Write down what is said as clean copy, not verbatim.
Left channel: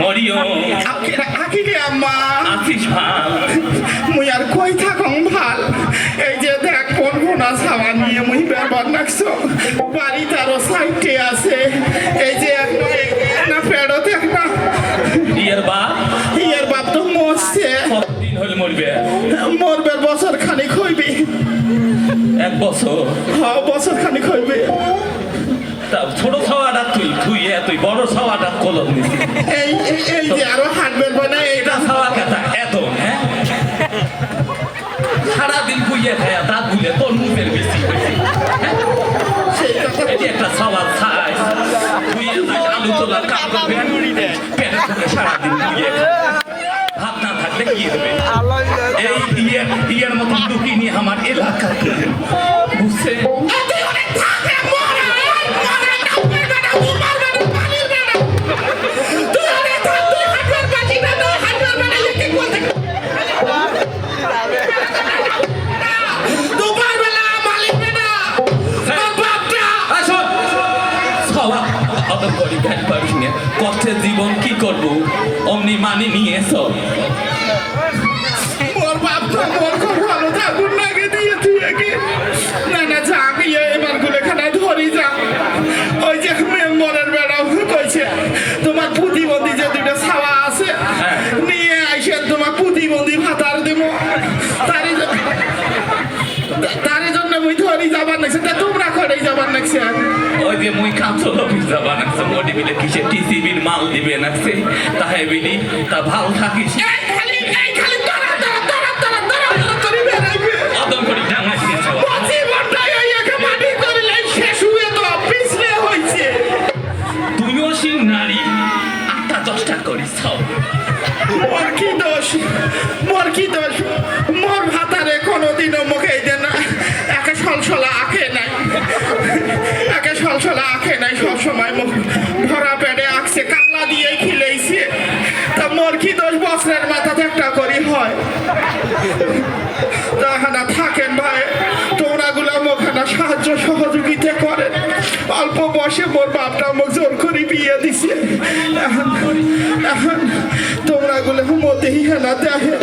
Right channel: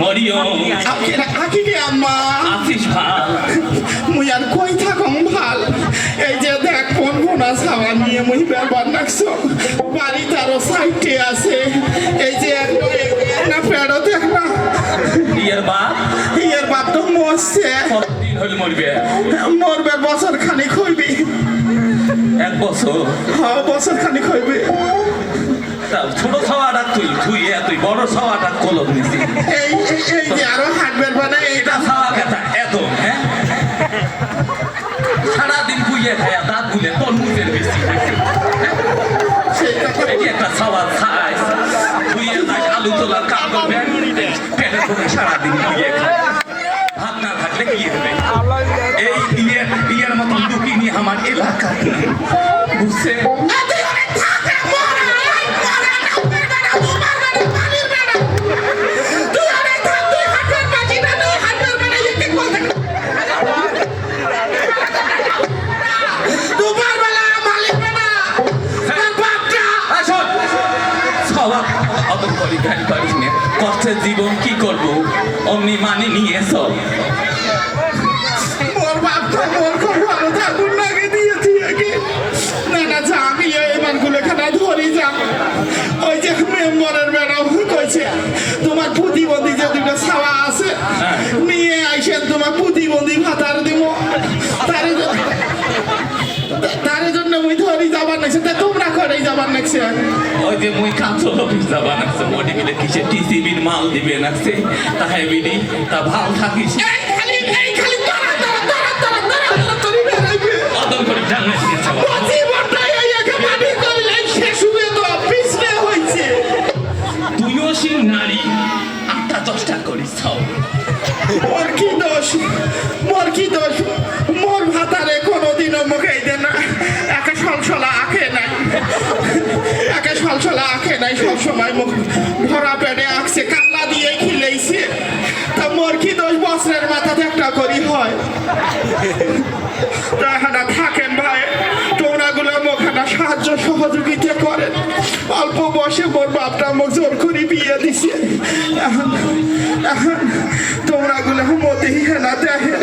মরিও আকি রে আম্মা আছিস ভাল মুই আর কই থাকং ভাল এই যে দেখ কোন কোনা সামা নিয়ে মুই ব্যাপার নাকছো বাড়ি তারও সাইটে আছে এই যে না পেড়ো দেখ না ইয়ের বাপ তো মরছে দিন হলে মরবে বছর খানিক হইবি 1 বছর হ্যাঁ বছর খানিক হইবে ছোট ছাওয়াটা তুই বড় ছাওয়াটা কলম নিছি এই যে আরো হাঁটবেন মানে এটা ছাওয়া খেতা এত হ্যাঁ সারাদিন খুইয়ে খায়া দাঁত গুলে তোর মুখের বেশি এটি একটা ছাওয়ার ছাই খুইয়ে যাস আলু তোলা কাম করবে পেটে ঢুকে সারাদিন খুইয়ে খায় ভাত না থাকলে কি হবে এই ইয়ের মতন দুঃখী নিয়ে আমার এলাকা বুঝছে কষ্টের জীবন কি করবো অমনি মানি নিয়ে সব মোর বাপটা মোর খুব ভালো থাকুন লাগে দিয়ে দিয়ে না যা আমি এবার গুলেখানা ধরি যা ওই যে মেম্বরের ম্যাডাম কইছে তোমার প্রতিবন্ধী যে দুটো ছাওয়া আছে নিয়ে আইসেন তোমার প্রতিবন্ধী ভাতার দিব তার জন্য মুই ধরি যাবার নাকছে তা তোমরা করেই যাবার নাকছে ওই যে মুই কাঁচল অফিস যাবার নাকছে মোটি বিলে কিসে টিসিবির মাল দিবে নাকছে তাহাই বিলি তা ভাল থাকিস অদম করে ডাঙাই দিয়েছে তুইও সেই নারী 8টা 10টা করিস মোর কি দোষ মোর ভাতারে কোনোদিনও মুখে দেন না একে সলসলা আঁকে নাই সবসময় মুখ ভরা পেটে আঁকছে কান্না দিয়ে খিলেইছে তা মোর কি দোষ বছরের মাথাতে একটা করি হয় তাহানা থাকেন ভাই তোমরাগুলো মোখানা সাহায্য সহযোগিতা করেন অল্প বয়সে মোর বাপটা মুখ জোর করে বিয়ে দিছে এখন তোমরাগুলো মতেই হেলা দেখে